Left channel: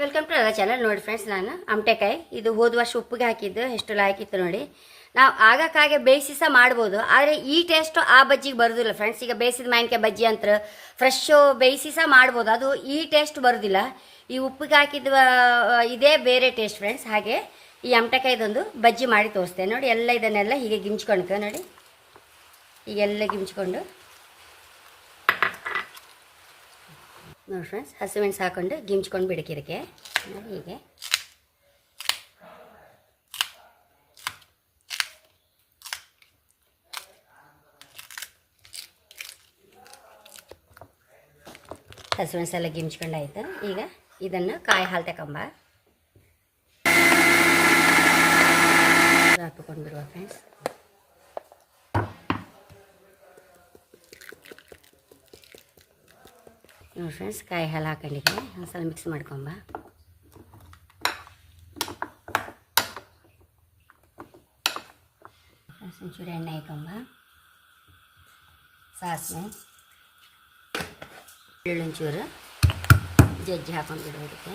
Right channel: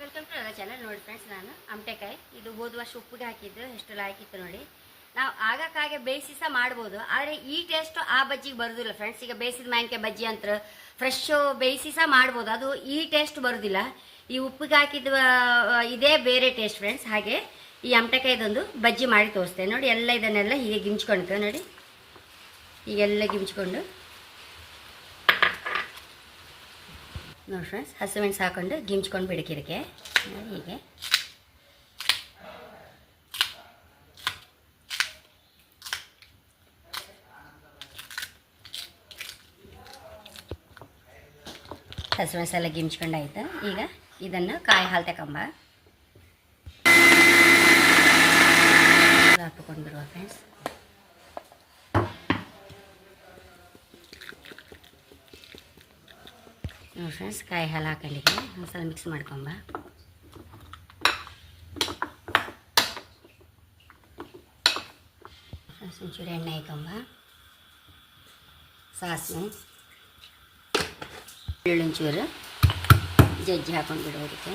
Welcome to ಅದ channel ನೋಡಿ friends ನಾನು ಅಮಟೆಕಾಯಿ. ಇದು ಹೋದ ವರ್ಷ ಉಪ್ಪಿಗೆ ಹಾಕಿದ್ದು ಎಷ್ಟು ಹಾಕಿತ್ತು ನೋಡಿ. ನಾವು ಆಗಕ್ಕಾಗೆ ಬೇಯಿಸಿ ಸಹ ಮಾಡ್ಬೋದು, ಆದರೆ ಈ ಟೇಸ್ಟು ಆ ಬಜ್ಜಿಗೆ ಬರೋದಿಲ್ಲ ಫ್ರೆಂಡ್ಸ್ ಈಗ ಬೇಯಿಸಿದ ಮಾವಿನಕಾಯಿ ಬಜ್ಜಿ ಅಂತ ಫ್ರೆಶ್ಶು ಬೇಯಿಸಿ ಸಹ ಮಾಡ್ಬೋದು, ಅದು ಈ ಟೇಸ್ಟ್ ಬರೋದಿಲ್ಲ. ಈ ಉಪ್ಪಿಗೆ ಹಾಕಿದ ಇದೇ ಬೇರೆ ಟೇಸ್ಟ್ ಫ್ರೆಂಡ್ಸ್ ಹಾಗೆ ಈ ಅಮಟೆಕಾಯ್ದೊಂದು ಬಜ್ಜಿ ಮಾಡಿ ತೋರಿಸ್ತೇನೆ ನೋಡಿ, ಎಲ್ಲ ಇದನ್ನೆಲ್ಲ ಹೀಗೆ ಗಿಂಚ್ಕೊಳ್ತೇವೆ ನೋಡಿ. ಈಗೆಲ್ಲ ಗಿಂಚ್ಕೊಂಡು. ನೋಡಿ ಫ್ರೆಂಡ್ಸ್ ಹಸಿಮೆಣಸು ಹಾಕೊಂಡು ಗಿಂಚ್ಕೊಂಡು ಬಿಡಕಿರಕ್ಕೆ ಹೀಗೆ. ಹಸಿಮೆಣಸು ಎಲ್ಲ ಗಿಂಚ್ಕೊಂಡಾಯ್ತು. ಈಗ ಇದನ್ನು ಕಾಯಿ ಹಾಲು ತಗೊಂಬ ಹಾಕಿಕೊಂಡು ಬಿಡುವ ಫ್ರೆಂಡ್ಸ್ ನೋಡಿ ಫ್ರೆಂಡ್ಸ್ ಕಾಯಿ ಹಾಲು ಹಾಕೊಂಡಿದ್ದೆ ಒಂದ್ಸಲ ಮಿಕ್ಸ್ ಮಾಡ್ಕೊಂಬ ಒಂಚೂರು ಎಣ್ಣೆ ಹಾಕೊಂಬ ಸಾಸಿವೆ. ಬೆಳ್ಳುಂಚೂರು ಜಜ್ಜಿ ಹಾಕೊಂಡು ಬಿಡೋದಕ್ಕೆ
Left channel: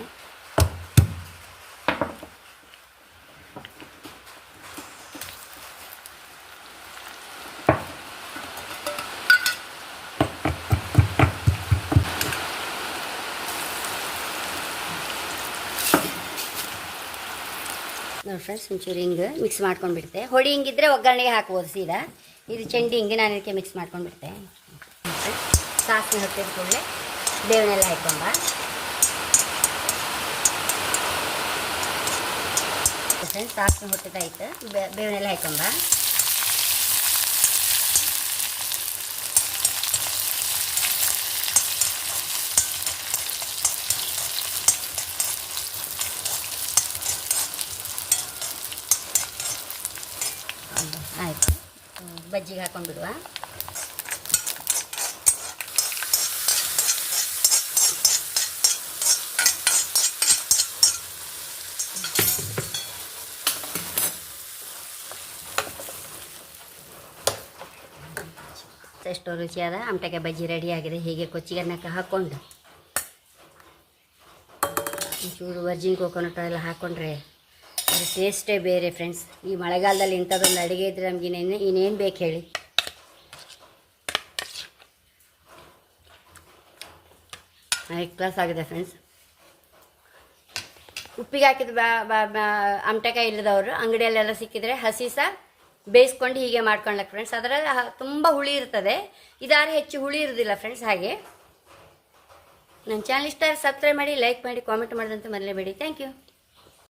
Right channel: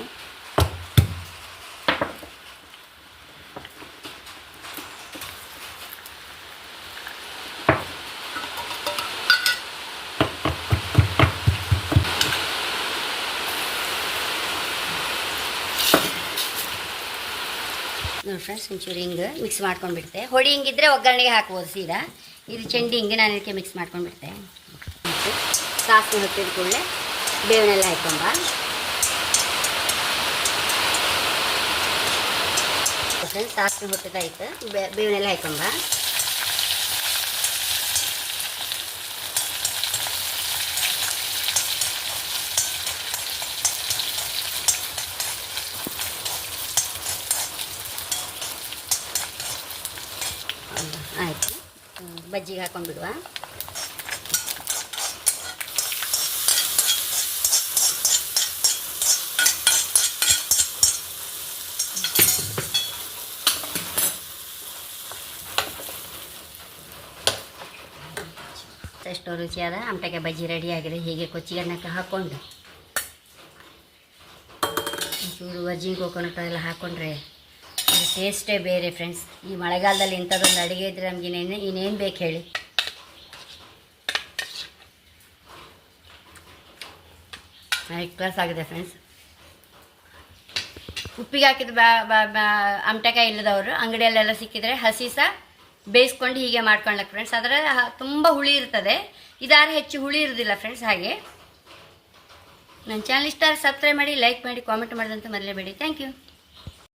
ನೋಡಿ ಫ್ರೆಂಡ್ಸ್ ಒಂಚೂರು ಹಿಂಗೆ ಮಿಕ್ಸ್ ಮಾಡ್ಕೊಂಡ್ಬಿಡ್ತೆ. ಹೊಡಿ ಹಿಂಗಿದ್ರೆ ಒಗ್ಗರಣೆಗೆ ಹಾಕ್ಬೋದು ಸೀದಾ. ಇದು ಚೆಂಡಿ ಹಿಂಗೆ ನಾನು ಇದಕ್ಕೆ ಮಿಕ್ಸ್ ಮಾಡ್ಕೊಂಡ್ಬಿಡ್ತೆ. ಸಾಸಿವೆ ಹೊತ್ತಿದ ಕೂಡಲೇ ಬೇವನೆಲ್ಲ ಹಾಕೊಂಬ ಫ್ರೆಂಡ್ಸ್ ಸಾಸಿವೆ ಹೊತ್ತಿದಾಯ್ತು ಬೇ ಬೇವನೆಲ್ಲ ಹಾಕೊಂಬ ಆಯಿತು. ಬಜ್ಜಿಗೆ ಹಾಕೊಂಡ್ಬಿಡುವ ಎಷ್ಟು ರುಚಿಯಾದ ಅಂಟಕ್ಕೆ ಬಜ್ಜಿ ರೆಡಿ ಆಗಿದೆ. ಹೀಗೆ ಕೊಚ್ಚಿಗನ್ನಕ್ಕೆ ಹಾಕ್ಕೊಂಡು ಒಂಚೂರು ವರ್ಜಿನ್ ಕೋಕೋನಟ್ ಎಲ್ಲ ಹಾಕ್ಕೊಂಡ್ರೆ ಟೇಸ್ಟೇ ಬೇರೆ ಫ್ರೆಂಡ್ಸ್ ಈ ಮಳೆಗಾಲದಲ್ಲಿ ಇಂಥದ್ದೊಂದು ಅಡುಗೆ ಇದ್ರೆ ನಮ್ಗೆ ಇನ್ನೇನು ಇನ್ನೇನು ಬೇಕು ಹೇಳಿ? ನೈಟ್ ಕ್ಲಾಸ್ ಆಗಿದೆ ಫ್ರೆಂಡ್ಸ್ ಉಪ್ಪಿಗೆ ಹಾಕಿದ ಬಾ ಬಾ ಇಲ್ಲದವರು, ಅಂಗಡಿಯಲ್ಲೆಲ್ಲ ಸಿಕ್ಕಿದ್ರೆ ಹಸಿ ಸಹ ಬೇಯಿಸ್ಕೊಂಡು ಹೀಗೆ ಮಾಡ್ಕೊಳ್ಳಕ್ಕೆ ಫ್ರೆಂಡ್ಸ್ ಅದರ ತುಂಬ ಹುಳಿ ಇರ್ತದೆ. ಇದಾದ್ರೆ ಹೆಚ್ಚು ಹುಳಿ ಇರೋದಿಲ್ಲ ಫ್ರೆಂಡ್ಸ್ ಹಾಗೆ. ನನ್ನ ಚಾನಲ್ ಇಷ್ಟ ಸಬ್ಸ್ಕ್ರೈಬ್ ಮಾಡಿ ಲೈಕ್ ಮಾಡಿ ಕಾಮೆಂಟ್ ಮಾಡಿದಂತ ಮರಲೇಬೇಡಿ. Thank you